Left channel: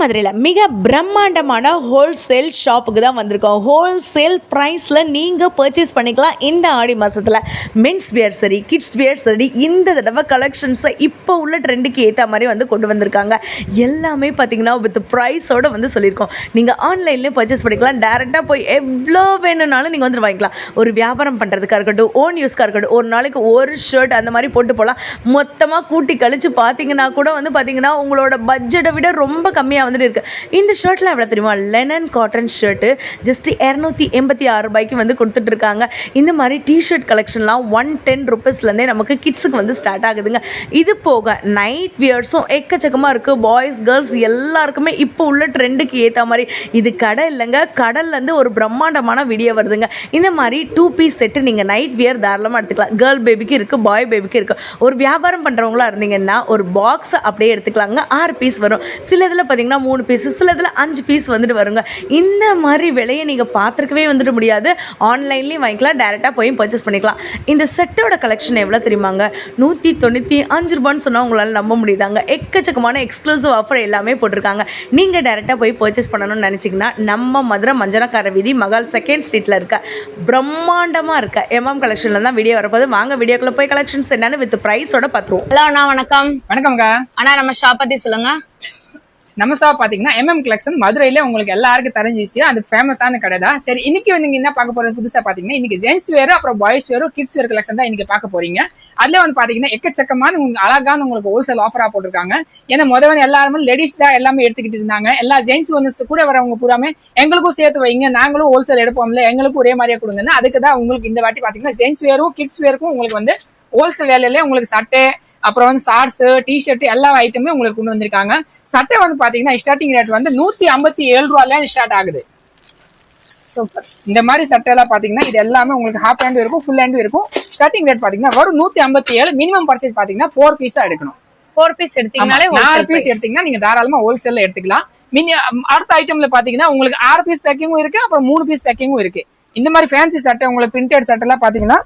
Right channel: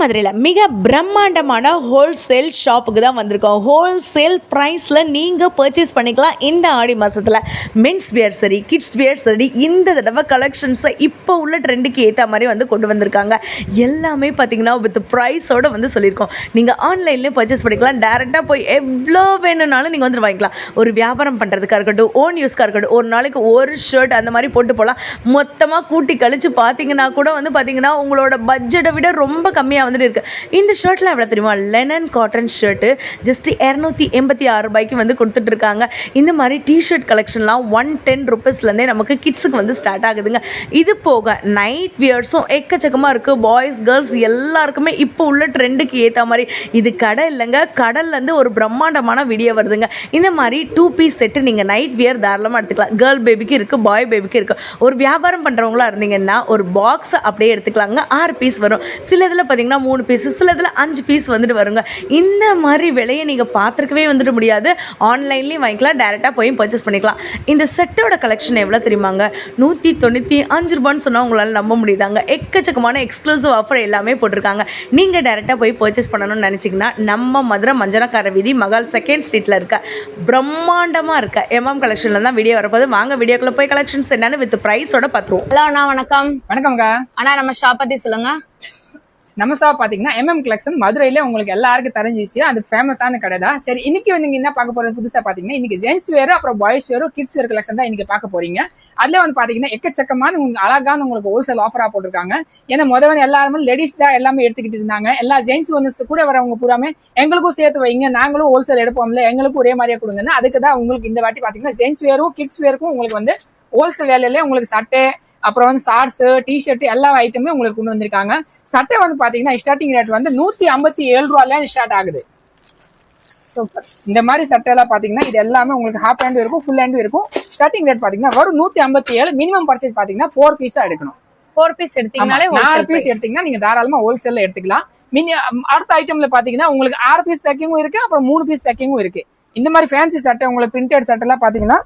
மதுரையில் மிக பிரம்மாண்டமான ஹோல்சேல் ஷாப்புக்கு தான் வந்திருக்கோம். ஹோல்சேல் ப்ரைஸில் நீங்கள் பர்ச்சேஸ் பண்ணிக்கலாம். இந்த ஆடி மாதத்தில் மென்ஸ் வியர் சரி, கிட்ஸ் வியர் சரி, இந்த தடவை கலெக்ஷன்ஸை இப்போ உள்ள ட்ரெண்டுக்கு ஏற்ற மாதிரி வந்து கொண்டு வந்திருக்காங்க. எல்லாமே பார்த்தீங்கன்னா வித் ப்ரைஸோடு வந்து சொல்லியிருக்கோம். நீங்கள் ஆன்லைன்லேயும் பர்ச்சேஸ் பண்ணிக்கலாம். டேரெக்டாக போய் எவ்வளோ வேணும்னாலும் நீங்கள் வந்து வாங்கிக்கலாம். ஒரு வியாபாரம் பண்ணுறதுக்காக இருக்கட்டும், ஓன் யூஸ்க்காக இருக்கட்டும், ஒரு நாளைக்கு ஒரு ஷர்ட் அந்த மாதிரி போட்டு போகலாம். மொத்தமாக கூட்டி கழித்து பார்த்தீங்கன்னா கூட வந்து பார்த்தீங்கன்னா உங்களோட பட்ஜெட்டை விட ரொம்ப கம்மியாக வந்துட்டு இருக்குது. இந்த ஷர்ட்லாம் எவ்வளோ தெரியுமா? லெனன் காட்டன் ஷர்ட்டு ஜஸ்ட் 286 ரூபாய்க்கு வந்து கொடுத்துட்ருக்காங்க. இந்த மாதிரி டிஷர்ட் கலெக்ஷன்லாம் 110 ருபீஸ்லேருந்தே நமக்கு கிட்ஸுக்கு வந்து ஸ்டார்ட் ஆகுதுங்க. இது போக நைட் வியர்ஸும் எக்கச்சக்கமாக இருக்குது. பாய்ஸ் கேர்ள்ஸ் எல்லாருக்குமே இப்போ உள்ள ட்ரெண்டுக்கு ஏற்ற மாதிரி. இது கடை இல்லைங்க, கடல்லேருந்து ஒரு பிரம்மாண்டமான வீடியோ வருதுங்க. இந்த மாதிரி 2 பீஸ் செட்டு நீங்கள் நைட் வியர் தாராளமாக எடுத்துக்கலாம். கேர்ள் பேபிக்கு இருக்குது, பாய் பேபிக்கு இருக்குது. ஒரு வியாபாரம் பண்ணுறவங்களா இருந்தீங்கன்னா ஒரு பாக்ஸை அப்படியே எடுத்துக்கலாங்க. 6 பீஸ் வரும். சில இதில் பார்த்தீங்கன்னா 3 பீஸ், சில இதில் 5 பீஸ் வந்துட்டு வருங்க. இந்த மாதிரி விலையை நீங்கள் பார்த்துருக்கவே வந்துட்டு முடியாது. ஆன்லைன்லேயும் வாங்கிக்கலாம், டேரெக்டாக போய் பர்ச்சேஸ் பண்ணிக்கலாம். இந்த செட்டோட கலெக்ஷன் எவ்வளோ தெரியுமாங்க? 195 ரூபான்னு சொன்னால் உங்களால் நம்ப முடியுதாங்க. எக்கச்சக்கமான எக்ஸ்க்ளூசிவ் ஆஃபர் எல்லாமே போட்டிருக்காங்க. நீங்கள் டேரெக்டாக போய் பர்ச்சேஸ் பண்ணணும்னு நினச்சிங்கன்னா நம்ம மதுரை மஞ்சனக்கார வீதி மகால் 2nd ஸ்ட்ரீட்டில் இருக்க பிரம்மாண்டமாக இருக்க MM கலெக்ஷனில் தான் வீடியோ வரப்போது. வாங்க வீடியோக்குள்ளே போய் கலெக்ஷன்ஸ் என்னன்னு வித் ப்ரைஸோட பார்த்துருவோம். ஹலோ அண்ணா, வணக்கம். வணக்கம்க்கா. அண்ணா, நம்ம ஷாப் பற்றி சொல்லுங்க. நம்ம ஷாப் பாத்தீங்கன்னா MM கலெக்ஷன் மதுரையில உங்களுக்கு எல்லாருக்கும் தெரிஞ்சிச்சு. அது ஃபேமஸான கடை தான். சரி, இன்னைக்கு நீங்க என்ன பார்க்க போறது புதுசா பாத்தீங்கன்னா, இன்னைக்கு ஜென்ஸ் வேர், அப்புறம் பாய்ஸ் வேரும், கிட்ஸ் வேர் கலெக்ஷன் தான் இன்னைக்கு பார்க்க போறீங்க. அதுல வந்து பாத்தீங்கன்னா எக்கச்சக்கமான உங்களுக்கு அழகான உங்களுக்கு ஹோல்சேல் ஆஃபரா போட்டிருக்காங்க. ஏன்னா முதல்ல எல்லாருமே லேடிஸ் தான் எல்லாமே எடுத்துக்கிட்டு இருந்தாங்க. எல்லா ஜென்ஸ் வந்து கூட வரவங்க பூராமே எங்களுக்கும் சேர்த்து வைங்க, நாங்களும் ஹோல்சேல் எடுப்போம்ல, எங்களுக்கும் ஒரே மாதிரியா கொடுங்க. அதுக்கு தான் உங்களுக்கு இந்த வாட்டி பாத்தீங்கன்னா ஜென்ஸ் வேரும் கிட்ஸ் வேருக்கும் உங்களுக்கு வந்து ஹோல்சேல் வேலையில உங்களுக்கு சட்டை, அப்புறம் வந்து ஷார்ட்ஸ், டிஷர்ட் எல்லா ஐட்டமே உங்களுக்கு கொண்டு வந்திருக்காங்க. சட்டை வந்து பாத்தீங்கன்னா ஸ்டார்டிங் ரேட் வந்து 157 ரூபாயில ஸ்டார்ட் ஆகுது. சூப்பர். இந்த மாதிரி சட்டை எல்லாம் பாத்தீங்கன்னா இது எல்லாமே உங்களுக்கு ஹாஃப் ஹேண்ட் இருக்கும், ஃபுல் ஹேண்ட் இருக்கும். ஸ்டார்டிங் ரேட் பாத்தீங்கன்னா வரும் 157. மினிமம் பர்ச்சேஸ் பாத்தீங்கன்னா 4 பீஸா எடுக்கணும். 4 பீஸ் எடுத்தீங்கனாலே 4 பீஸ் எடுத்தீங்கன்னா நீங்க தாராளமா ஹோல்சேல்ல எடுத்துக்கலாம். அடுத்த ஐட்டம்ல பாத்தீங்கன்னா உங்களுக்கு 6 பீஸ் பேக்கிங்கும் இருக்கு, அப்புறம் 3 பீஸ் பேக்கிங்கும் இருக்கு. இந்த மாதிரி ஃபேன்சி சட்டை உங்களுக்கு பிரிண்டட் சட்டை எல்லாம் பாத்தீங்கன்னா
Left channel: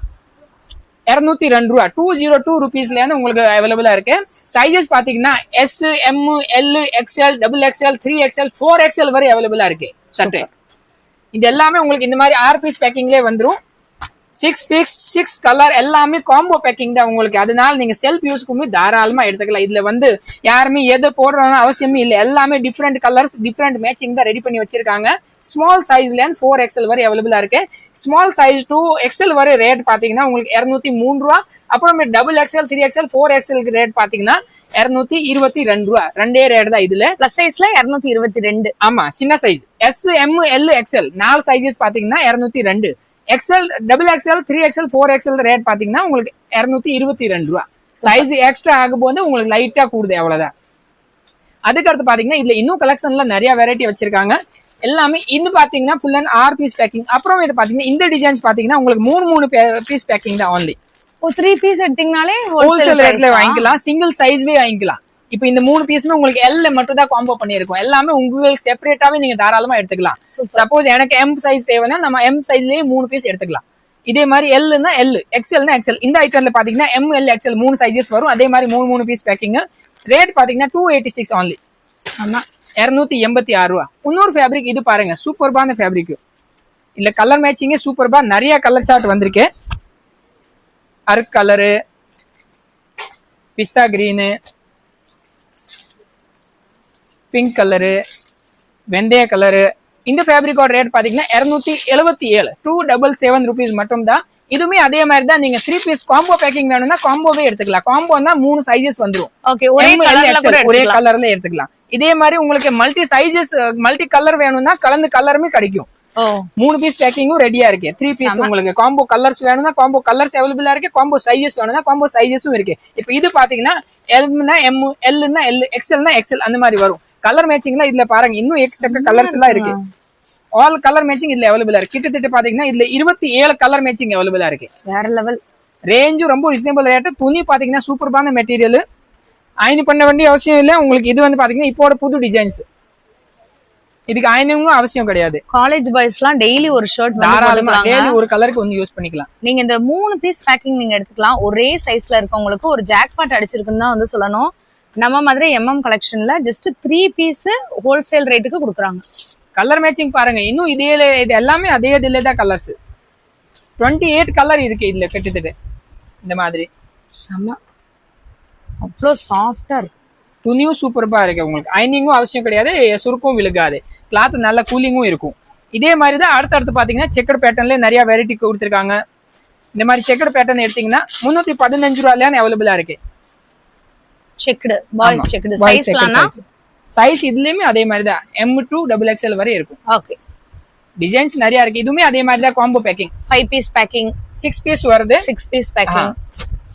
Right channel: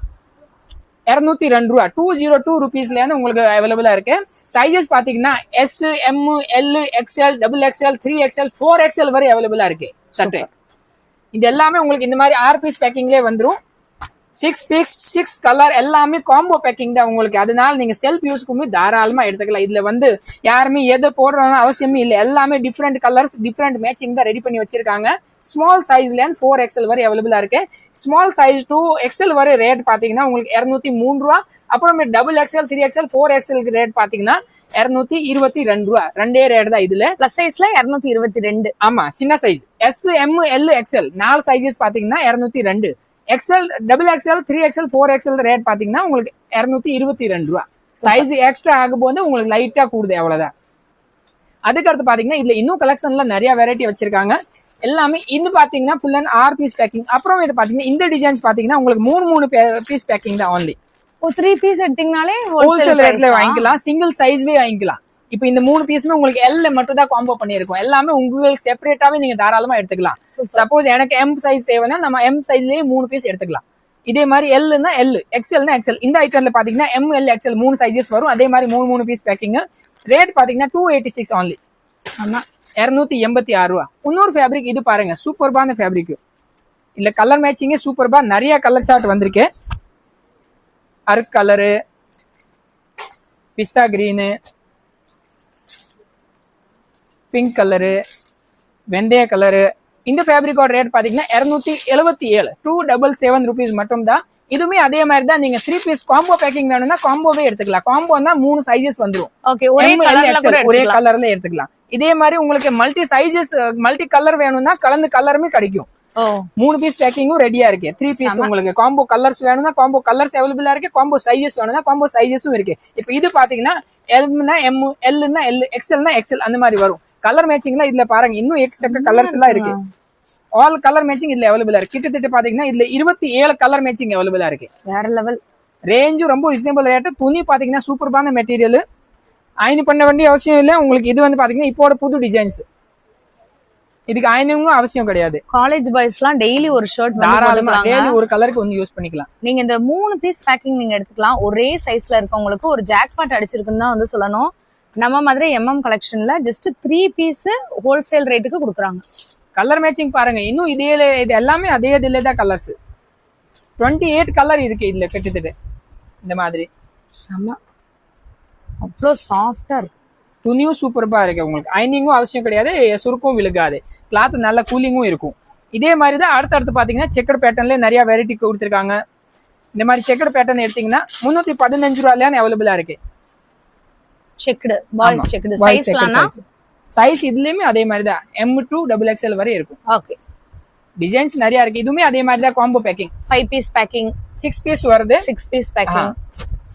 202 ரூபா, 202 ருபீஸ்ல இருந்து உங்களுக்கு அவைலபிளா இருக்கு. சைஸஸ் பாத்தீங்கன்னா S, M, L, XL, XXL, 3XL, 4XL வரை அவைலபிளா இருக்கு சட்டை. இது எல்லாமே உங்களுக்கு இந்த மாதிரி 6 பீஸ் பேக்கிங்லேயே வந்துடும். 6 பீஸ் 6 கலர் எல்லாமே காம்போ பேக்கிங் தான் உங்களுக்கு. அதனால நீங்க செல்ஃப் யூஸ்க்கு தாராளமா எடுத்துக்கலாம். இதுல வந்து யாருமே எதை போடுறோம்னு அவசியமே இல்லை. எல்லாமே டிஃப்ரெண்ட் கலர்ஸ், டிஃப்ரெண்ட் மேட்சிங் தான் ரெடி பண்ணி வச்சிருக்காங்க. ஸ்மால் சைஸ்ல 4XL வரை அவைலபிளா இருக்கு. ஸ்மால் சைஸ் 2XL வரை ரேட் பாத்தீங்கன்னா உங்களுக்கு 203 ரூபா. அப்புறமே XXL, 3XL, 4XL ரேட் பாத்தீங்கன்னா 222 ரூபா. ரெண்டே ரேட் தான். இதுல பிளஸ் சைஸ்ல 222. ஆமா, சின்ன size S, M, L, XL 4 sizes பாத்தீங்கன்னா 202. XL, XXL, 3XL, 4XL rate பாத்தீங்கன்னா உங்களுக்கு 222 ரூபா. சைஸ் எக்ஸ்ட்ரா ஆகும் போது உங்களுக்கு லைட்டா கூடுது, அவ்வளவுதான். அதுக்கடுத்து பாத்தீங்கன்னா இதுல இன்னும் கலெக்ஷன்ல நிறைய வெரைட்டி வச்சிருக்காங்க. எல்லாமே இது பாத்தீங்கன்னா ஃபுல் அண்ட் 6 பீஸ் பேக்கிங். அப்புறம் பாத்தீங்கன்னா இந்த டிசைன்ஸ் பாத்தீங்கன்னா உங்களுக்கு 3 பீஸ் பேக்கிங் தான் ஒன்லி. 3 பீஸ் எடுத்தீங்கன்னா ஹோல்சேல் ரேட்ல வாங்கிக்கலாம், சிங்கிள் சைஸ்வே வாங்கிக்கலாம். இப்போ இந்த 3 பீஸுமே உங்களுக்கு L மட்டும் தான் காம்போ பண்ணிருக்கோம். எல்லாமே உங்களுக்கு செப்பரேட்டாவே நீங்க தாராளமா எடுத்துக்கலாம். சப்போஸ் எனக்கு M சைஸ் தேவைன்னா நம்ம M சைஸ்லயே 3 பீஸ் எடுத்துக்கலாம். இதே மாதிரி Lனா L, XLனா XL. இந்த ஐட்டம்ல பாத்தீங்கன்னா M, L, XL 3 சைஸஸ் வரும். அதே மாதிரி 3 பீஸ் பேக்கிங். ரேட் பாத்தீங்கன்னா 286 ஒன்லி. ஆமா, 286 ரூபா. இன்னொரு ஃபேப்ரிக் இது பாருங்க, சூப்பர்பான ஃபேப்ரிக். இல்ல கலர் மேட்சிங்கே சூப்பர்பா. நிறைய கலர் சார்ட் வந்திருக்கு. அர்க் கலரு, பிஸ்தா கிரீனு, பிங்க் கலரு, வெந்தய கலரு. இந்த ஃபேப்ரிக்கோட ரேட் பாத்தீங்கன்னா 277, 277 ருபீஸ் மட்டும் தான். இதுவுமே அதே மாதிரி தான். நீங்க 3 பீஸ் காம்போ பேக்கிங் வேணும்னா காம்போவே எடுத்துக்கலாம். காம்போனா 3 சைஸஸ் வந்துடும். ஒரே கலர்ல எடுத்துக்கலாம். இதே மாதிரி உங்களுக்கு மல்டி சைஸஸ், மல்டி கலர் வேணும்னா கலந்து கலருமே கிடைக்கும். 3 பீஸ் பேக்கிங்கும் ரெடியா இருக்கு. 3 பீஸ் உங்களுக்கு காம்போ கலர்ஸ் வேணும்னா காம்போ கலர்ஸ் அவைலபிளா இருக்கு. காம்போ சைஸஸ் வேணும்னா காம்போ சைஸஸும் இருக்கு. இப்போ இது பாத்தீங்கன்னா Lனா M, Lனா L, XLனா XL அந்த மாதிரி வரும். கலர் மேட்சிங்லாம் இதுல பாருங்க, இன்னும் எக்ஸ்ட்ரா கலர்ஸ் எல்லாம் இருக்கு. ஆல் கலர் மேட்சிங் இதுல அவைலபிளா இருக்கு. கிட்டத்தட்ட பாத்தீங்கன்னா இதுல 27 கலர் மேட்சிங் அவைலபிளா இருக்கு. வேற லெவல். ரேஞ்சும் ரொம்ப ரீசனபிள் ரேட். துணி பாத்தீங்கன்னா சூப்பர்பான மெட்டீரியல். அயன் பண்ண வேண்டிய அவசியம் இல்லை உங்களுக்கு. இது வந்து பாத்தீங்கன்னா இப்போட புது டிசைன்ஸ். இதுக்கு அயனும் அவசியம் கிடையாது. காலேஜ் பாய்ஸ்லாம் டெய்லி ஒரு ஷர்ட் தாராளமா டெய்லி ஒரு கலருக்கு ஒன்னு யூஸ் பண்ணிக்கலாம். நீங்க இந்த 3 பீஸ் பேக்கிங் நீங்க எடுத்துக்கலாம். ஒரே சைஸ்ல இருக்கவங்களுக்கு ஒரு ஜாக்பாட் அடிச்சிருக்குன்னு தான் வந்து சொல்லணும். நம்ம மாதிரி எம்எம் கலெக்ஷன்ல ஜஸ்ட் 3 பீஸ் ஹோல்சேல் ரேட்டுக்கு கொடுக்குறாங்க. கலர் மேட்சிங் பாருங்க, இன்னும் இதே இது எல்லாமே அதே இதுல தான் கலர்ஸ். 28 கலர் இருக்கு இதுல கிட்டத்தட்ட. இந்த மாதிரி செம்ம அவ்வளோ சாஃப்டா இருக்கு. துணியும் சூப்பர்பா இருக்கு. உங்களுக்கு அயனிங்கும் அவசியம் கிடையாது, சுருக்கும் விழுகாது, கிளாத் நல்ல கூலிங்கும் இருக்கும். இதே மாதிரி தான் அடுத்தடுத்து பாத்தீங்கன்னா செக்கர் பேட்டர்ன்ல நிறைய வெரைட்டி கொடுத்துருக்காங்க. இந்த மாதிரி செக்கர் பேட்டர்ன் எடுத்தீங்கன்னா 315 ரூபாயில அவைலபிளா இருக்கு. செக்குடு பாய்ஸ் செக்குடு சைஸ்லாம்னா சைஸ் இதுலயுமே அதே மாதிரி தான் M to XXL வரை இருக்கும். ஓகே, டிசைன்ஸ் நிறைய இருக்கு. இதுவுமே அதே மாதிரி தான் combo packing. 5 piece packing, 6 piece வருது. 6 பீஸ் பேக்கிங்.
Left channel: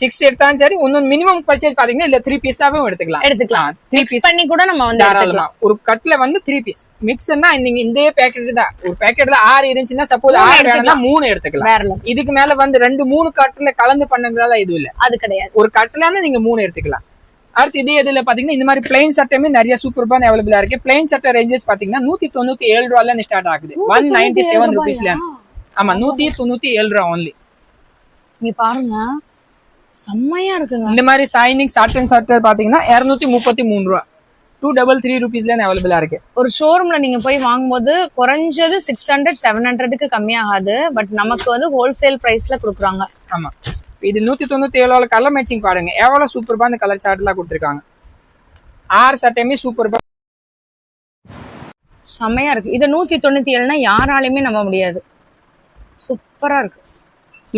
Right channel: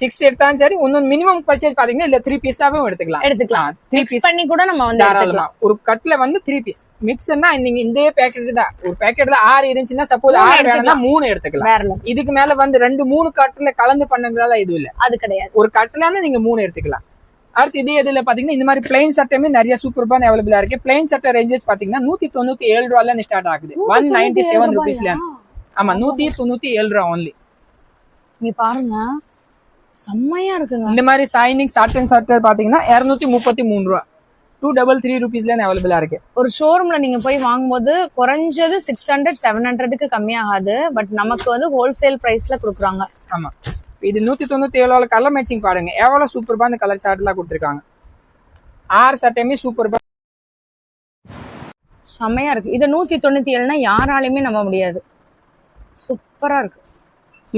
6 எடுத்தாலும் சரி, இன்னும் மினிமம் பர்ச்சேஸ் பாத்தீங்கன்னா இல்ல 3 பீஸாவே எடுத்துக்கலாம். 3 மிக்ஸ் பண்ணி கூட நம்ம வந்து எடுத்துக்கலாம். ஒரு கட்ல வந்து 3 பீஸ் மிக்ஸ்னா நீங்க இந்த பேக்கெட் தான், ஒரு பேக்கெட்ல 6 இருந்துச்சுன்னா சப்போஸ் 6 வேணும்னா 3 எடுத்துக்கலாம். இதுக்கு மேல வந்து 2-3 கட்ல கலந்து பண்ணதுனால இது இல்ல, அது கிடையாது. ஒரு கட்ல இருந்து நீங்க 3 எடுத்துக்கலாம். அடுத்து இதே இதுல பாத்தீங்கன்னா இந்த மாதிரி பிளைன் சட்டையுமே நிறைய சூப்பர்பா அவைலபிளா இருக்கு. பிளைன் சட்டை ரேஞ்சஸ் பாத்தீங்கன்னா 197 ரூபாயில ஸ்டார்ட் ஆகுது. 197 ரூபீஸ்ல. ஆமா, 197 ரூபா ஒன்லி. நீ பாருங்க செம்மையா இருக்குங்க. இந்த மாதிரி சைனிங் சாட்டன் சட்டை பாத்தீங்கன்னா 233 ரூபா, 233 ரூபீஸ்ல அவைலபிளா இருக்கு. ஒரு ஷோரூம்ல நீங்க போய் வாங்கும்போது குறைஞ்சது 600-700க்கு கம்மியாகாது. பட் நமக்கு வந்து ஹோல்சேல் பிரைஸ்ல கொடுக்குறாங்க. ஆமா, இது 197 கலர் மேட்சிங் பாருங்க, எவ்வளவு சூப்பர்பா இந்த கலர் சார்ட் எல்லாம் கொடுத்துருக்காங்க. 6 சட்டையுமே சூப்பர்பா செம்மையா இருக்கு. இது 197னா யாராலையுமே நம்ப முடியாது. சூப்பரா இருக்கு.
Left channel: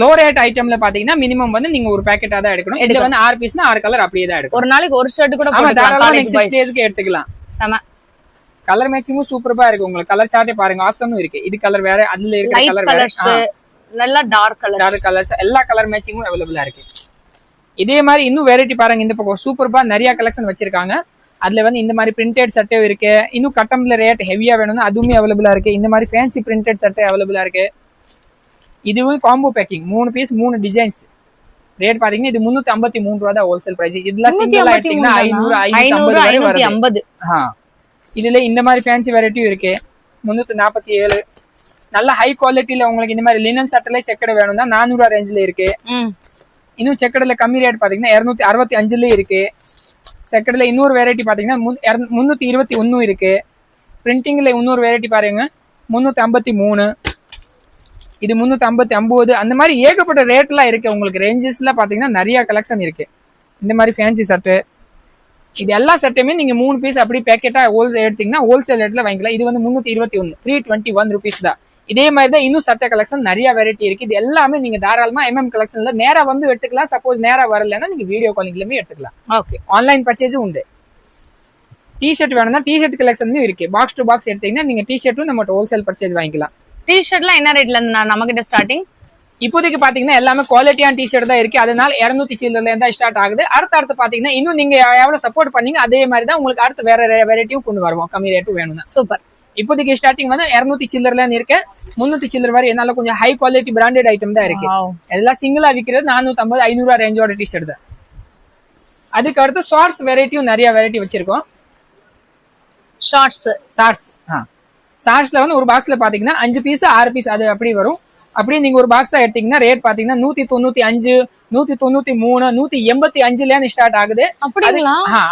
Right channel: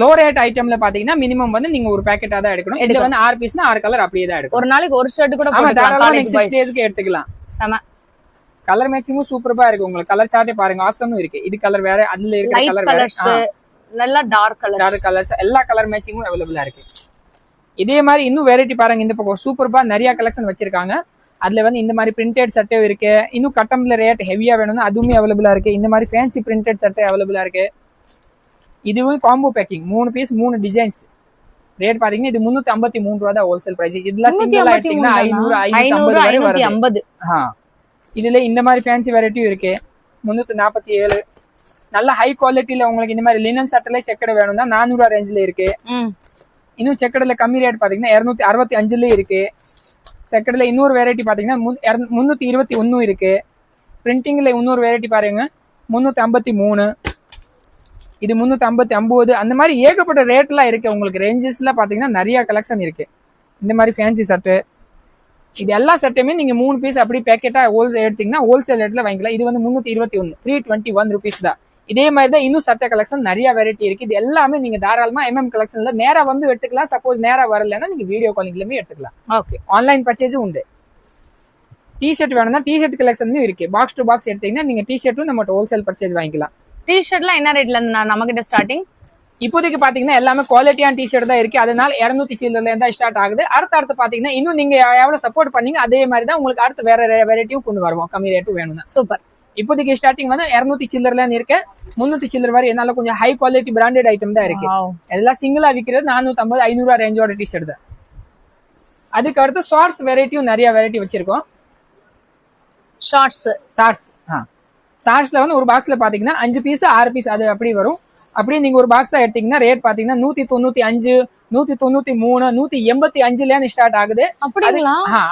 லோ ரேட் ஐட்டம்ல பாத்தீங்கன்னா மினிமம் வந்து நீங்க ஒரு பேக்கெட்டா தான் எடுக்கணும். இது வந்து 6 பீஸ்னா 6 கலர் அப்படியே தான் எடுக்கணும். ஒரு நாளைக்கு ஒரு ஷர்ட் கூட ஆமா, போட்டுக்கலாம். காலேஜ் நெக்ஸ்ட் பாய்ஸ் டேஸ்க்கு எடுத்துக்கலாம். செம கலர் மேட்சிங்கும் சூப்பர்பா இருக்கு. உங்களுக்கு கலர் சார்ட்டே பாருங்க, ஆப்ஷனும் இருக்கு. இது கலர் வேற, அதுல இருக்கிற லைட் கலர் வேற, கலர்ஸ், நல்லா டார்க் கலர்ஸ், எல்லா கலர் மேட்சிங்கும் அவைலபிளா இருக்கு. இதே மாதிரி இன்னும் வெரைட்டி பாருங்க, இந்த பக்கம் சூப்பர்பா நிறைய கலெக்ஷன் வச்சிருக்காங்க. அதுல வந்து இந்த மாதிரி பிரிண்டட் சட்டை இருக்கு. இன்னும் கட்டம்ல ரேட் ஹெவியா வேணும்னா அதுவுமே அவைலபிளா இருக்கு. இந்த மாதிரி ஃபேன்சி பிரிண்டட் சட்டை அவைலபிளா இருக்கு. இதுவும் combo packing, 3 piece 3 designs. Rate பாத்தீங்கன்னா இது 353 ரூபா தான் ஹோல்சேல் பிரைஸ். இதுல சிங்கிளா எடுத்தீங்கன்னா 500-550 இதுல இந்த மாதிரி ஃபேன்சி வெரைட்டியும் இருக்கு. 347 நல்ல ஹை குவாலிட்டியில உங்களுக்கு இந்த மாதிரி லினன் சட்டைல செக்கடை வேணும்னா 400 ரூபா ரேஞ்சில இருக்கு. இன்னும் செக்கடைல கம்மி ரேட் பாத்தீங்கன்னா 265 இருக்கு. செக்கடைல இன்னொரு வெரைட்டி பாத்தீங்கன்னா 321 இருக்கு. பிரிண்டிங்ல இன்னொரு வெரைட்டி பாருங்க 353, இது 359. அந்த மாதிரி ஏகப்பட்ட ரேட்லாம் இருக்கு. உங்களுக்கு ரேஞ்சஸ்ல பாத்தீங்கன்னா நிறைய கலெக்ஷன் இருக்கு. இந்த மாதிரி ஃபேன்சி சட்டை, இது எல்லா சட்டையுமே நீங்க 3 பீஸ் அப்படி பேக்கெட்டா எடுத்தீங்கன்னா ஹோல்சேல் ரேட்ல வாங்கிக்கலாம். இது வந்து 321, 321 ருபீஸ் தான். இதே மாதிரி தான் இன்னும் சட்டை கலெக்ஷன் நிறைய வெரைட்டி இருக்கு. இது எல்லாமே நீங்க தாராளமா எம்எம் கலெக்ஷன்ல நேரா வந்து எடுத்துக்கலாம். சப்போஸ் நேரா வரலன்னா நீங்க வீடியோ காலிங்லயுமே எடுத்துக்கலாம். ஓகே, ஆன்லைன் பர்ச்சேஸும் உண்டு. டிஷர்ட் வேணும்னா டிஷர்ட் கலெக்ஷனும் இருக்கு. பாக்ஸ் டு பாக்ஸ் எடுத்தீங்கன்னா நீங்க டிஷர்ட்டும் நம்ம ஹோல்சேல் பர்ச்சேஸ் வாங்கிக்கலாம். டிஷர்ட்லாம் என்ன ரேட்ல இருந்து நம்ம கிட்ட ஸ்டார்டிங்? இப்போதைக்கு பாத்தீங்கன்னா எல்லாமே குவாலிட்டியான டிஷர்ட் தான் இருக்கு. அதனால 200 சில்லர்ல இருந்தா ஸ்டார்ட் ஆகுது. அடுத்து பாத்தீங்கன்னா இன்னும் நீங்க எவ்வளவு சப்போர்ட் பண்ணீங்க அதே மாதிரி தான் உங்களுக்கு அடுத்து வேற வெரைட்டியும் கொண்டு வருவோம். கம்மி ரேட்டும் வேணும்னா. சூப்பர். இப்போதைக்கு ஸ்டார்டிங் வந்து 200 சில்லர்ல இருக்கு. 300 சில்லர் வரை என்னால கொஞ்சம் ஹை குவாலிட்டி பிராண்டட் ஐட்டம் தான் இருக்கு. எல்லாம் சிங்கிளா விற்கிறது 450-500 ரூபா ரேஞ்சோட டிஷர்ட் தான். அதுக்கு அடுத்து ஷார்ட்ஸ் வெரைட்டியும் நிறைய வெரைட்டி வச்சிருக்கோம். ஷார்ட்ஸ்ல வந்து ஒரு பாக்ஸ்ல பாத்தீங்கன்னா 5 பீஸ் 6 பீஸ் அது அப்படி வரும். அப்படியே நீங்க ஒரு பாக்ஸா எடுத்தீங்கன்னா ரேட் பாத்தீங்கன்னா 195, 193, 185 ஸ்டார்ட் ஆகுது.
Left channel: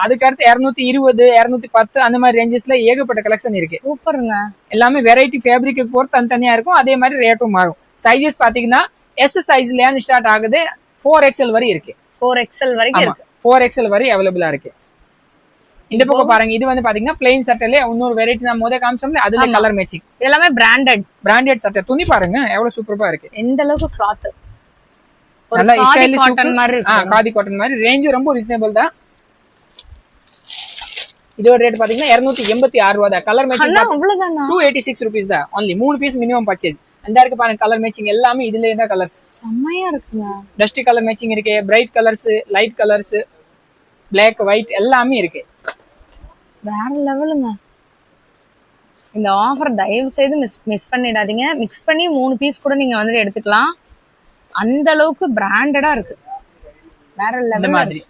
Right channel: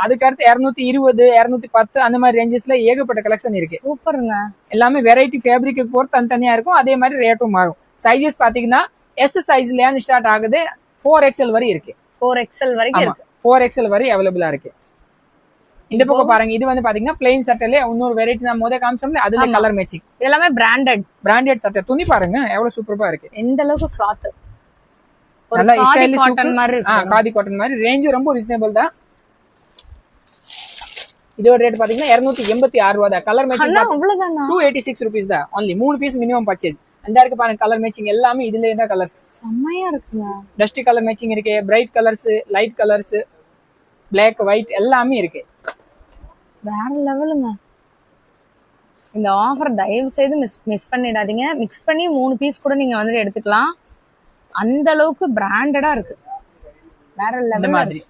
அதுக்கு அடுத்து 220, 210 அந்த மாதிரி ரேஞ்சஸ்ல ஏகப்பட்ட கலெக்ஷன் இருக்கு. சூப்பருங்க. எல்லாமே வெரைட்டி ஃபேப்ரிக் போட்டு தனித்தனியா இருக்கும். அதே மாதிரி ரேட்டும் மாறும். சைஸஸ் பாத்தீங்கன்னா எஸ் சைஸ்ல ஸ்டார்ட் ஆகுது. 4XL வரை இருக்கு. 4XL வரைக்கும் இருக்கு. 4XL வரை அவைலபிளா இருக்கு. இந்த பக்கம் பாருங்க, இது வந்து பாத்தீங்கன்னா பிளைன் சட்டையில இன்னொரு வெரைட்டி நான் முதல்ல காமிச்சோம்ல, அதுல கலர் மேட்சிங். எல்லாமே பிராண்டட் சட்டை. துணி பாருங்க எவ்வளவு சூப்பரா இருக்கு. எந்த அளவுக்கு கிளாத் நல்லா காதி காட்டன் மாதிரி இருக்கு. காதி காட்டன் மாதிரி. ரேஞ்ச் ரொம்ப ரீசனபிள் தான். இதோட ரேட் பாத்தீங்கன்னா 286 ரூபாய் தான். கலர் மேட்சிங் அவ்வளவுதானா? 286 ரூபீஸ் தான். Only 3 piece minimum purchase. அந்த இருக்கு பாருங்க கலர் மேட்சிங் எல்லாமே இதுல இருந்தா கலர்ஸ் செம்மையா இருக்குங்க. டஸ்ட் கலர் மேட்சிங் இருக்கு, bright colours, light colours, black white எல்லாமே இருக்கு. வேற லெவலுங்க. இந்த ஆஃபர் தயவு செய்து மிஸ் பண்ணிடாதீங்க. மிக்ஸ் பண்ணி 3 பீஸ் கூட நீங்க வந்து எடுத்துக்கலாம். அந்த அளவுக்கு பிராண்டடா இருக்கு. வேற லெவல். இந்த மாதிரி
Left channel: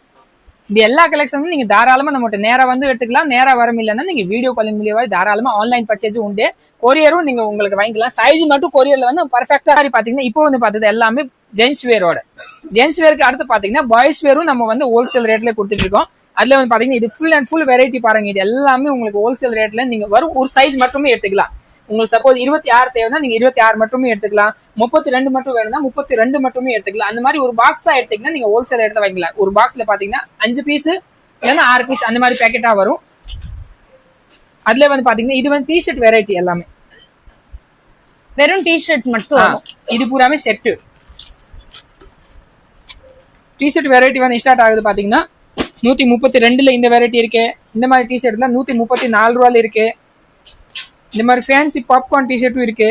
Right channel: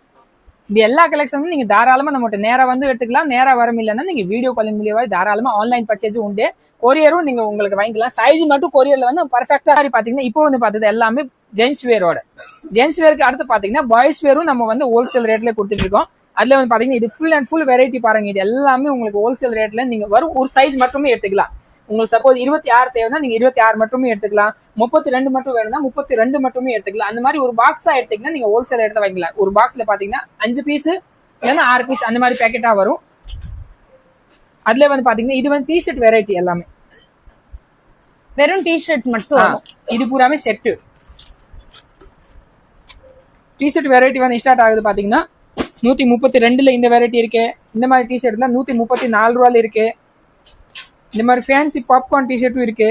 இந்த எல்லா கலெக்ஷனும் நீங்க தாராளமா நம்மகிட்ட நேரா வந்து எடுத்துக்கலாம். நேரா வர இல்லைன்னா நீங்க வீடியோ காலிங் மூலியமா தாராளமா ஆன்லைன் பர்ச்சேஸும் உண்டு. கொரியரும் நீங்க உங்களுக்கு வாங்கிக்கலாம். சைஸ் மட்டும் கொரியர்ல வந்து பர்ஃபெக்டா பாத்தீங்கன்னா இப்போ வந்து பார்த்தது எல்லாமே ஜென்ஸ் வேரோட. ஜென்ஸ் வேருக்கு அடுத்து பாத்தீங்கன்னா பாய்ஸ் வேரும் நம்ம வந்து ஹோல்சேல் ரேட்ல கொடுத்துட்டு இருக்கோம். அதுல வந்து பாத்தீங்கன்னா இது ஃபுல் அண்ட் ஃபுல் வெரைட்டி பாருங்க. இது எல்லாமே உங்களுக்கு ஹோல்சேல் ரேட்ல நீங்க வரும் ஒரு சைஸ் மட்டுமே எடுத்துக்கலாம். உங்களுக்கு சப்போஸ் 26 தேவைன்னா நீங்க 26 மட்டுமே எடுத்துக்கலாம். 32 மட்டும் வேணும்னா 32 மட்டுமே எடுத்துக்கலாம். அந்த மாதிரி ஒரு பாக்ஸா எடுத்தீங்கன்னா நீங்க ஹோல்சேல் ரேட்ல வாங்கிக்கலாம். ஒரு பாக்ஸ்ல பாத்தீங்கன்னா 5 பீஸ் இல்லைன்னா 6 பீஸ் அந்த மாதிரி பேக்கெட்டா வரும். அதுல வந்து பாத்தீங்கன்னா இது வந்து டிஷர்ட் வெரைட்டி எல்லாமே. வெறும் டிஷர்ட் மட்டும். இது பூராமே செட்டு. டிஷர்ட் வெரைட்டி வந்து ஸ்டார்ட் ஆகுது பாத்தீங்கன்னா 132ல இந்த வெரைட்டி இருக்கு. இந்த மாதிரி டிஷர்ட்ல 134 ரூபாயில இருக்கு. இந்த மாதிரி ஃபேன்சி பாப்கார்ன் டிஷர்ட்டும் இருக்கு.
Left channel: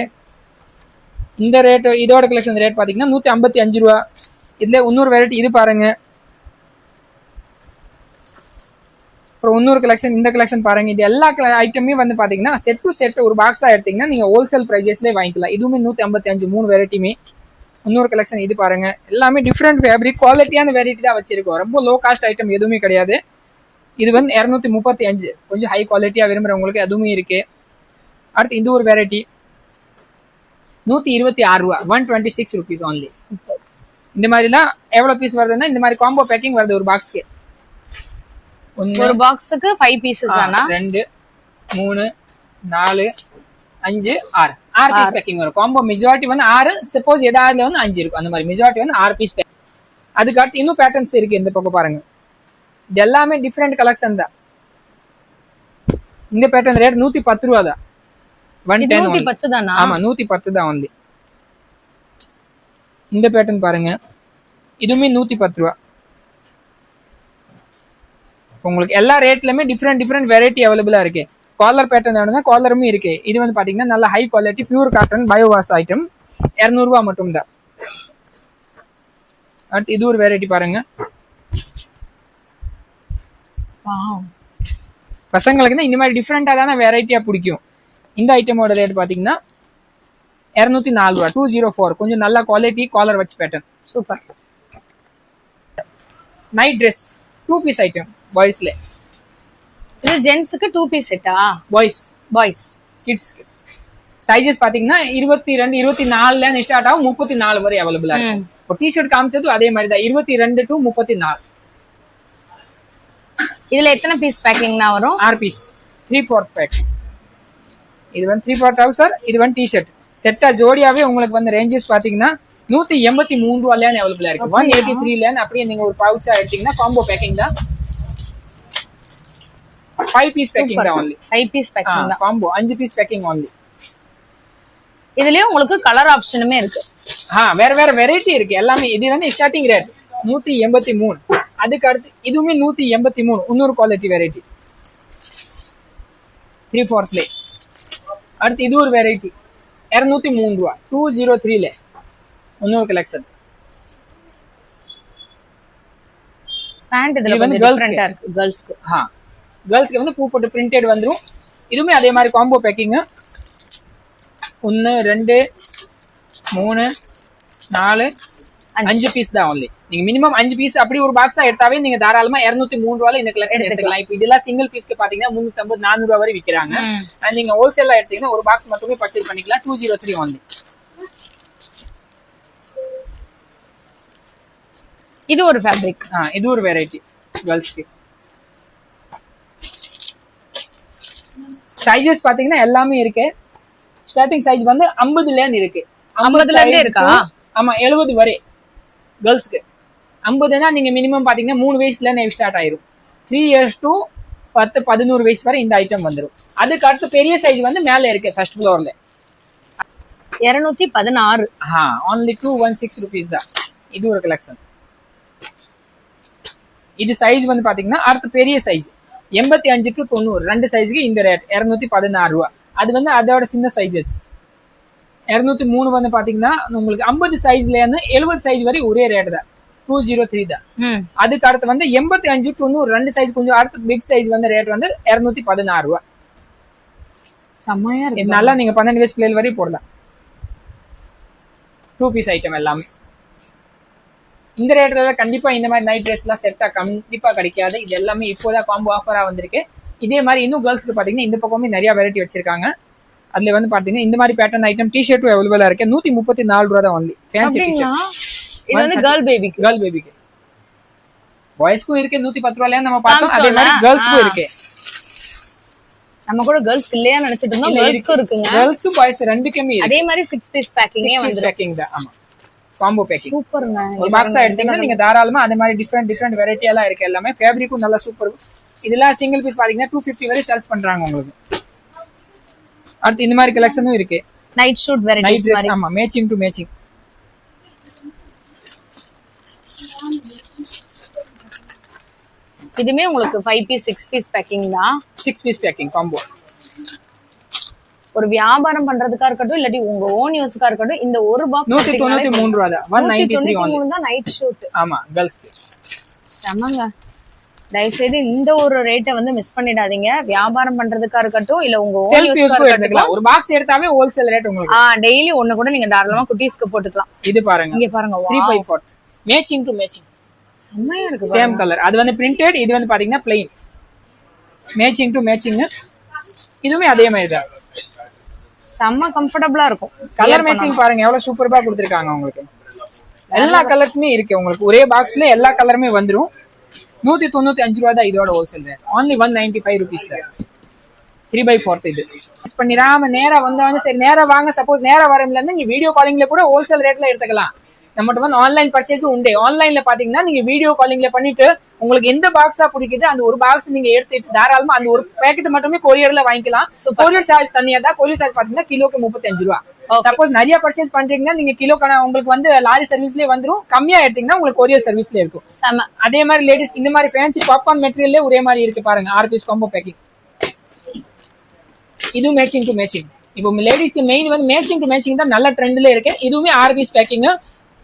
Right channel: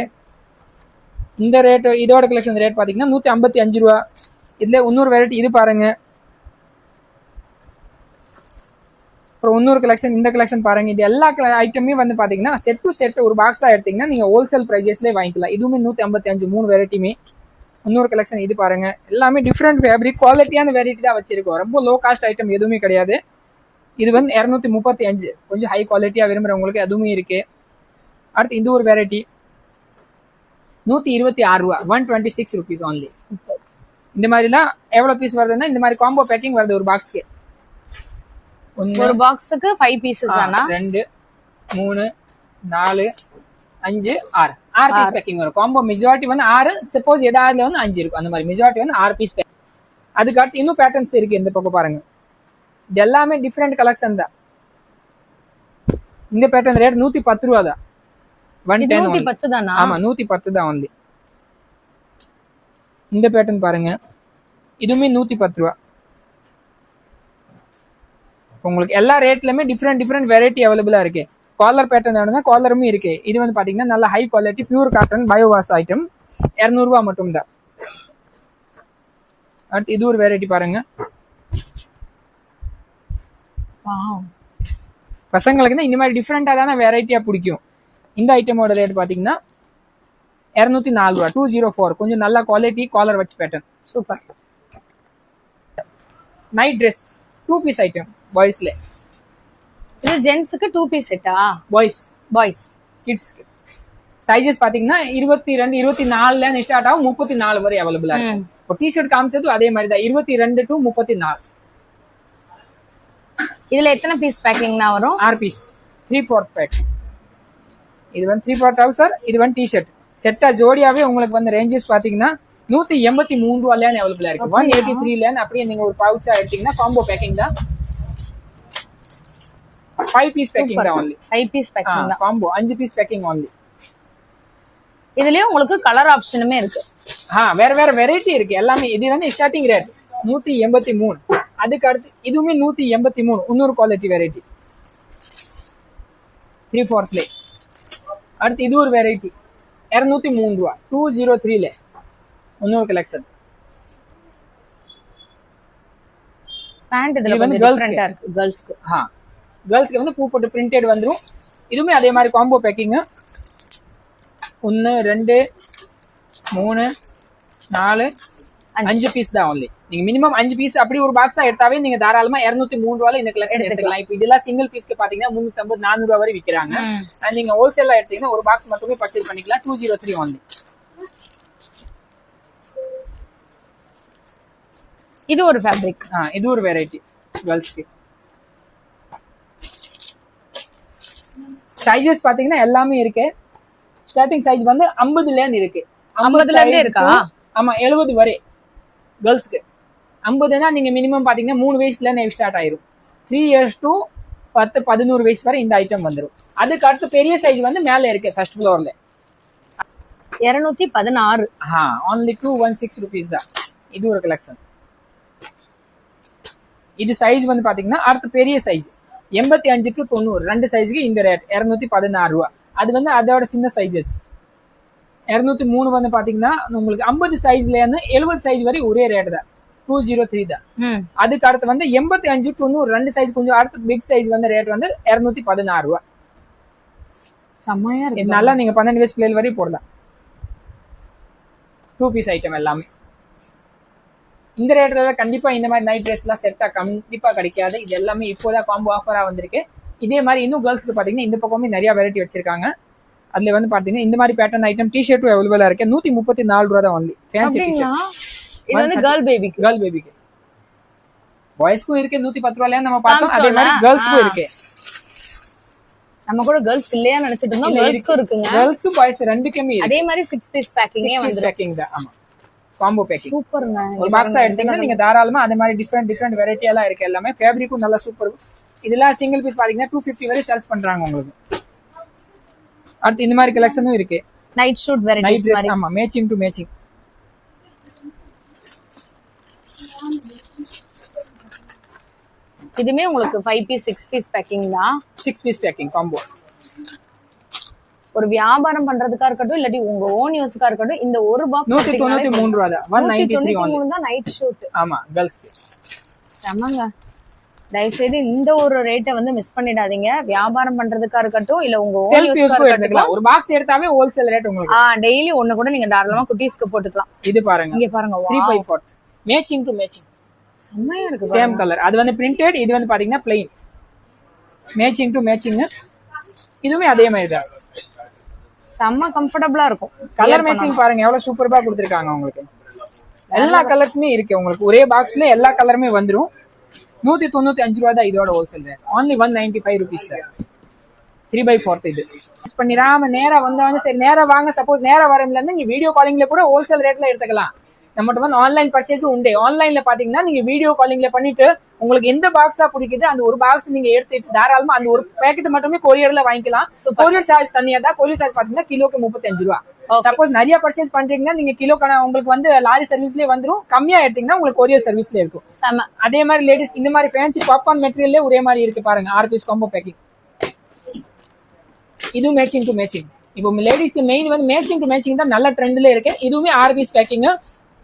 இந்த ரேட் இதோட கலெக்ஷன் ரேட் பாத்தீங்கன்னா 155 ரூபா. இதுல இன்னொரு வெரைட்டி இது பாருங்க. அப்புறம் இன்னொரு கலெக்ஷன் இந்த கலெக்ஷன் பாருங்க. இது எல்லா ஐட்டமே வந்து பாத்தீங்கன்னா செட் டு செட் ஒரு பாக்ஸா எடுத்தீங்கன்னா நீங்க ஹோல்சேல் பிரைஜஸ்லேயே வாங்கிக்கலாம். இதுவுமே 155 3 வெரைட்டியுமே. இன்னொரு கலெக்ஷன் இது பாருங்க. எல்லாமே டிஃப்ரெண்ட் ஃபேப்ரிக் குவாலிட்டியான வெரைட்டி தான் வச்சிருக்கோம். ரொம்ப லோ காஸ்ட் ஐட்டம் எதுவுமே கிடையாது. இது வந்து 235 கொஞ்சம் ஹை குவாலிட்டியா விரும்புறவங்களுக்கு அதுவுமே இருக்கு. அடுத்து இந்த ஒரு வெரைட்டி 126 ரூபா 126 rupees only. இந்த மாதிரிலாம் எவ்வளவு பீஸ் வருதுன்னா இந்த மாதிரி காம்போ பேக்கிங் வருது ஒரு பாக்ஸ்க்கு. ஒரு பாக்ஸுக்கு 5 பீசஸ் தானா? 2 3 4 5 6 பீஸ் பேக்கிங் வரும். காம்போ மெஜாரிட்டி வந்து 6, சப்போஸ் ஏதாவது வந்து 5 இருக்கும். அந்த மாதிரி மெஜாரிட்டி வந்து 6 பீஸ் பேக்கிங். அதுக்கு அடுத்து இன்னும் பேட்டர்ன்ஸ் இருக்கு. இந்த பக்கம் பாருங்க. இது எல்லாமே டிஃப்ரெண்ட் கலெக்ஷன் தான். இந்த பேட்டர்ன் ரேட் 110 ரூபா தான். 110 தானா? ஆமா 110 தான் வந்து. இந்த பேட்டர்ன் பாருங்க. இதுவுமே 110 ரூபா. உங்களுக்கு எல்லா ரேட்லயுமே டிஃப்ரெண்ட் வெரைட்டி அவைலபிளா இருக்கு. காலர் பேட்டர்ன் வேணும்னா காலருமே இருக்கு. இது வந்து பாத்தீங்கன்னா நல்ல high quality pure cotton bio wash item 200 ரூபா மட்டும் தான். அடுத்து இது ஒரு வெரைட்டி பாருங்க. பசங்களுக்கு இந்த மாதிரி டிஃப்ரெண்டா தானே வெரைட்டியா பிடிக்கும். இந்த ஐட்டமோட ரேட் பாத்தீங்கன்னா 204 ரூபா 204. கொஞ்சம் நல்ல குவாலிட்டி காலர் வச்சு pattern. Super. Night dress 2 piece item பாய்ஸ்ல. இது ஜென்ட்ஸ்க்கு 2 பீஸ் செட்டா? பாய்ஸ் கிட்ஸ்க்கு சைஸஸ் பாத்தீங்கன்னா 22 24ல இருந்து ஸ்டார்ட் ஆகும் 34 வரை அவைலபிளா இருக்கு. ஒரு டி-ஷர்ட் காமிச்சதும் அதே மாதிரி தான் 22 to 34. இதுல எத்தனை பீஸ் பேக்கிங்னா வரும்? 6 பீஸ் 3/4 பேக். இது வந்து 3/4 ட்ரவுசர், இது வந்து டி-ஷர்ட் செட்டா ஜோடியாவே உங்களுக்கு வந்து ரேஞ்சஸ் பாத்தீங்கன்னா 183 ரூபாயில அவைலபிளா இருக்கு. 183ல அப்படியே நீங்க ஒரு பவுச்சா எடுத்தீங்கன்னா காம்போ பேக்கிங் தான். 5 பீஸ் பேக்கிங் தான் only. 5 பீஸ் பேக்கிங் தான். Combo 5 piece packing only. இதுலயே உங்களுக்கு கலர் ஆப்ஷனுமே இருக்கு. வேற வேற வெரைட்டி இருக்கு எல்லாமே. இது வந்து ஸ்டார்டிங் ரேட் 183. அதுக்கு அடுத்து இதுவுமே 183 இன்னொரு குவாலிட்டி வெரைட்டி 3/4ல. அடுத்து இது ஒரு வெரைட்டி 203 ரூபா 203ல இன்னொரு கலெக்ஷன். பேண்ட் இதுல கொஞ்சம் டிஃபரெண்டா இருக்கு गर्ल्सக்கு. गर्ल्सக்கு வந்து பூ போட்டு பிரிண்டட் வந்துரும். இதுவுமே அதே மாதிரி காம்போ பேக்கிங் 1 2 3 4 5 பீஸ் தான் only. நீங்க மினிமம் 5 பீஸ் அப்படி ஒரு பாக்ஸா எடுத்தாவே நீங்க தாராளமா 203 ரூபாயில இந்த கலெக்ஷன் எடுத்துக்கலாம். இப்போ இதெல்லாம் சிங்கிள் பீஸ்க்கு பாத்தீங்கன்னா 350 400 ரூபாய் வரை விக்கிறாங்க. நீங்க ஹோல்சேலா எடுத்தீங்கன்னா ஒரு பாக்ஸ் மட்டுமே பர்ச்சேஸ் பண்ணிக்கலாம் 203 only. இது ஒரு ஃபேப்ரிக். இது ஒரு வெரைட்டி गर्ल्सக்கு. சைஸஸ் பாத்தீங்கன்னா எல்லாமே இருக்கு. ஸ்டார்டிங் சைஸ் வந்து 50ல இருந்து இருக்கு. 50ல இருந்தே இருக்கா? ஆமா 70 வரை गर्ल्सக்கு. 50னா நீங்க மினிமம் பாத்தீங்கன்னா 3 வயசுல இருந்து ஸ்டார்ட் ஆயிரும். 3 இயர்ஸ் to 10 11 வயசு வரை இந்த ஐட்டம் வந்துரும். அதுக்கு அடுத்து பெரிய சைஸ் வந்து மேல இருக்கு ஃபர்ஸ்ட் ஃப்ளோர்ல 216. only 216 rupees தான். இது ஒரு கலெக்ஷன். இது சைஸ் வந்து பாத்தீங்கன்னா அடுத்து பெரிய சைஸ் 85 to 90 ரெண்டு சைஸ்க்கு இந்த ரேட் 216 ரூபா. அது வந்து அதோட சின்ன சைஸஸ் 203 வந்து பாத்தீங்கன்னா உங்களுக்கு 50 சைஸ்ல இருந்து 70 சைஸ் வரை ஒரே ரேட் தான் 203 தான். அதுக்கு அடுத்து வந்து 85 to 90 ரெண்டு சைஸ் கொஞ்சம் அடுத்து பிக் சைஸ் வந்து ரேட் வந்து 216 ரூபா. செம்மையா இருக்கு. நல்லா நீங்க 12 வயசு பிள்ளைகள் வரை போடலாம். 2 பீஸ் ஐட்டம் எல்லாமே இந்த ரேட்ல கண்டிப்பா இந்த மாதிரி நைட் ட்ரெஸ் எல்லாம் செட்டா கண்டிப்பா கிடைக்காது. இது எல்லாமே இப்போதான் காம்போ ஆஃபரா வந்திருக்கு. இதே மாதிரி இன்னும் கேர்ள்ஸ்க்கு பாத்தீங்கன்னா இந்த பக்கமே நிறைய வெரைட்டி வச்சிருக்காங்க. அதுல வந்து பாத்தீங்கன்னா இந்த மாதிரி பேட்டர்ன் ஐட்டம் டி-ஷர்ட்டும் அவைலபிளா இருக்கு. 134 ரூபா தான் only. Fancy T-shirt. இது வந்து கேர்ள் பேபிக்கு. பாய்ஸ்க்கும் இருக்கு 110 ரூபாயில நம்ம பார்த்தோம். அதே மாதிரி கேர்ள்ஸ்க்கும் இருக்கு. நம்ம கூட கேர்ள்ஸ் இல்லையா நினைச்சிட்டு இருந்தோம், கேர்ள்ஸ்க்கும் இருக்குங்க. கேர்ள்ஸ் பாய்ஸ் ரெண்டுக்குமே இருக்கு. அதே மாதிரி 6 பீஸ் பேக்கிங்கே வந்து பேக்கிங் தான். ஆமா, காம்போ பேக்கிங். சூப்பர்ங்க. ஒரு பாக்ஸா எடுத்தீங்கன்னா நீங்க தாராளமா அந்த மாதிரி டிஃபரெண்ட் வெரைட்டி எல்லாம் இருக்கு. எல்லாமே ஃபேப்ரிக்கும் நல்லா சூப்பர். இதெல்லாம் சிங்கிள் பீஸ் பாத்தீங்கன்னா 250 வரை சேல்ஸ் பண்றாங்க உங்களுக்கு. அடுத்து இந்த மாதிரி கலெக்ஷனும் இருக்கு. நைட் ஷூட் வெரைட்டிஸ் மாதிரி. ஆமா, மேட்சிங் டு மேட்சிங். இதுமே உங்களுக்கு 5 பீஸ் 6 பீஸ் பேக்கிங் தான். 6 பீஸ் பேக்கிங் காம்போ. ஒரு வியாபாரம் பண்றதுக்கா இருக்கட்டும் இல்லாட்டி உங்க ஓன் யூஸ்க்கா இருக்கட்டும், இந்த ஒரு பாக்ஸ் 193 ரூபாய் தான். 193 தான் நைட் ஷூட். ஆமா, கேர்ள்ஸ்க்கு செமங்க. தயவு செய்து இந்த ஒரு ரேட்டை வந்து மிஸ் பண்ணிடாதீங்க. வியாபாரம் பண்றதுக்கா இருக்கட்டும் இல்ல உங்க ஓன் செல்ஃப் யூஸ் எடுத்துக்கலாம். ஒரு பாக்ஸ் எடுத்தாவே ஹோல்சேல் ரேட் உங்களுக்கு. டெய்லி ஒண்ணு கூட நீங்க தாராளமா குட்டீஸ்க்கு போட்டுக்கலாம். இது பாருங்க, இங்க பாருங்க, 3/4 மேட்சிங் டு மேட்சிங். செம்மையா இருக்கு. Same colour. அது வந்து பிரிண்டட், இது வந்து பாத்தீங்கன்னா plain. Matching to matching. இதுவுமே அதே மாதிரி தான். செம்ம கம்ஃபர்ட்டபிளா இருக்கும். கலர் மேட்சிங் பாருங்க எவ்வளவு சூப்பரா கொடுத்திருக்காங்க உங்களுக்கு. எல்லா கலர்ஸுமே இருக்கு உங்களுக்கு. ஒரே பாக்ஸ்ல எல்லா கலருமே வந்துரும். 195 ரூபாய் தான் இதோட ஹோல்சேல் ரேட். only 195 rupees தான். 3/4 இது. யூஸ் பண்ணிராம நேரா வந்தாலும் சரி, நேரா வாங்க. சப்போஸ் நேரா வரல இருந்து நீங்க வீடியோ காலிங்ல கூட ஹோல்சேல் ரேட்ல எடுத்துக்கலாம். நம்மகிட்ட வந்து ஆன்லைன் பர்ச்சேஸும் உண்டு. ஆன்லைன்ல பாத்தீங்கன்னா நீங்க வீடியோ காலிங்ல பண்ணிட்டு உங்களுக்கு எந்த பாக்ஸா பிடிக்குது அந்த ஒரு பாக்ஸ் நீங்க எடுத்துட்டு தாராளமா அந்த ஒரு பேக்கெட் மட்டுமே கொரியர்ல வாங்கிக்கலாம். கொரியர் சார்ஜ் தனியா தான். கொரியர் சார்ஜ் பாத்தீங்கன்னா கிலோக்கு 35 ரூபாய். சப்போஸ் நிறைய பர்ச்சேஸ் பண்றீங்கன்னா நீங்க கிலோக்கான உங்களுக்கு வந்து லாரி சர்வீஸ்லயே வந்துரும். கம்மியா எடுத்தீங்கன்னா உங்களுக்கு கொரியர் சர்வீஸ்ல இருக்கும். அதே மாதிரி லேடிஸ் இந்த மாதிரி ஃபேன்சி பாப்கார்ன் மெட்டீரியல்ல ஒரே மாதிரி இருக்கு பாருங்க. 6 பீஸ் காம்போ பேக்கிங். இது மேட்சிங் டு மேட்சிங். இப்போ லேடிஸ்க்கு மெயின் வந்து மேட்சிங் டு மேட்சிங் தான் நல்ல ட்ரெண்ட்ல இருக்கு. இதுவுமே 6 பீஸ் பேக்கிங்.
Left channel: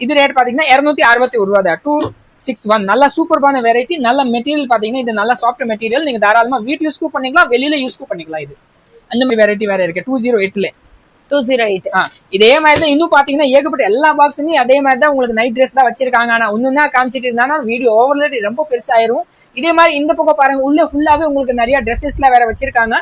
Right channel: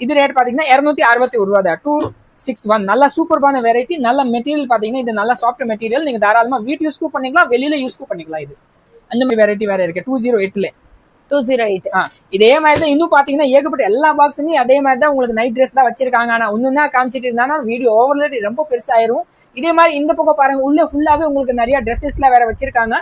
இது ரேட் பாத்தீங்கன்னா 261 ரூபாய் தான். 261. நல்ல சூப்பர்பான வெரைட்டி. நல்ல மெட்டீரியல் பாத்தீங்கன்னா இது நல்ல சாஃப்ட் மெட்டீரியல். நீங்க தாராளமா வீட்டு யூஸ்க்கும் பண்ணிக்கலாம், வெளியில யூஸ்க்கும் பண்ணிக்கலாம். இது அந்த மாதிரி வெரைட்டி வேற இருக்கு. 208ல 208. இதே மாதிரி தான். இன்னும் பாத்தீங்கன்னா ஏகப்பட்ட எல்லா பாக்ஸுமே அதே மாதிரி தான் உங்களுக்கு நைட் ட்ரெஸ் தான் வச்சிருக்காங்க. ஆனா ஒண்ணுன்னா காமிச்சிட்டு இருந்தானா வீடியோ ஓவர்லேட் ரொம்ப பெருசாயிரும். இதே மாதிரி இந்த பக்கம் பாருங்க, உள்ள ஃபுல்லாவே உங்களுக்கு நிறைய ட்ரெஸ்ஸஸ்லாம் வேற வச்சிருக்காங்க.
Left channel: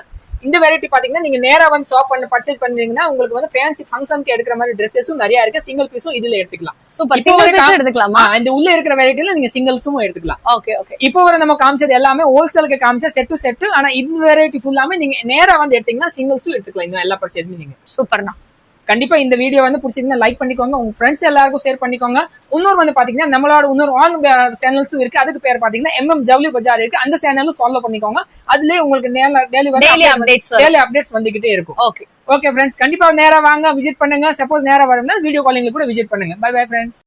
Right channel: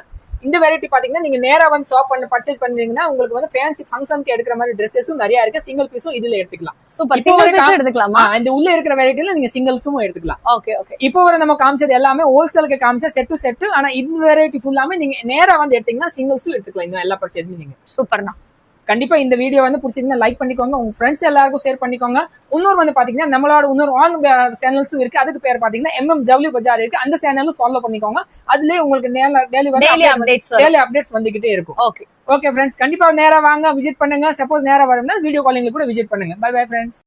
இந்த வெரைட்டி பாத்தீங்கன்னா நீங்க நேரா வந்து ஷாப் பண்ணி பர்ச்சேஸ் பண்றீங்கன்னா உங்களுக்கு வந்து ஃபேன்சி ஃபங்க்ஷனுக்கு எடுக்கிற மாதிரி ட்ரெஸ்ஸஸும் நிறைய இருக்கு. சிங்கிள் பீஸும் இதுல எடுத்துக்கலாம். சூப்பர். சிங்கிள் பீஸ் எடுத்துக்கலாமா? இந்த உள்ள இருக்கிற வெரைட்டில நீங்க சிங்கிள்ஸும் எடுத்துக்கலாம். Okay okay. இப்போ வர நம்ம காமிச்சது எல்லாமே ஹோல்சேலுக்கு காமிச்ச செட் டு செட். ஆனா இந்த வெரைட்டி ஃபுல்லாமே நீங்க நேரா வந்து எடுத்தீங்கன்னா சிங்கிள்ஸும் எடுத்துக்கலாம். இந்த எல்லா பர்ச்சேஸும் நீங்க. சூப்பர்ண்ணா. கண்டிப்பா இந்த வீடியோ வந்து பிடிச்சிருந்தா லைக் பண்ணிக்கோங்க. உங்க ஃப்ரெண்ட்ஸ் எல்லாருக்கும் ஷேர் பண்ணிக்கோங்க. இன்னொரு வந்து பாத்தீங்கன்னா நம்மளோட இன்னொரு ஆன் சேனல்ஸும் இருக்கு. அதுக்கு பேர் பாத்தீங்கன்னா MM ஜவுளி பஜார் இருக்கு. அந்த சேனலும் ஃபாலோ பண்ணிக்கோங்க. அதுலயே உங்களுக்கு டெய்லி அப்டேட்ஸ் வந்துகிட்டே இருக்கும். ஓகே ஃப்ரெண்ட்ஸ், கண்டிப்பா நேரா வாங்க, விசிட் பண்ணுங்க. சப்போஸ் நேரா வரணும்னா வீடியோ காலிங்ல கூட விசிட் பண்ணுங்க. Bye bye friends.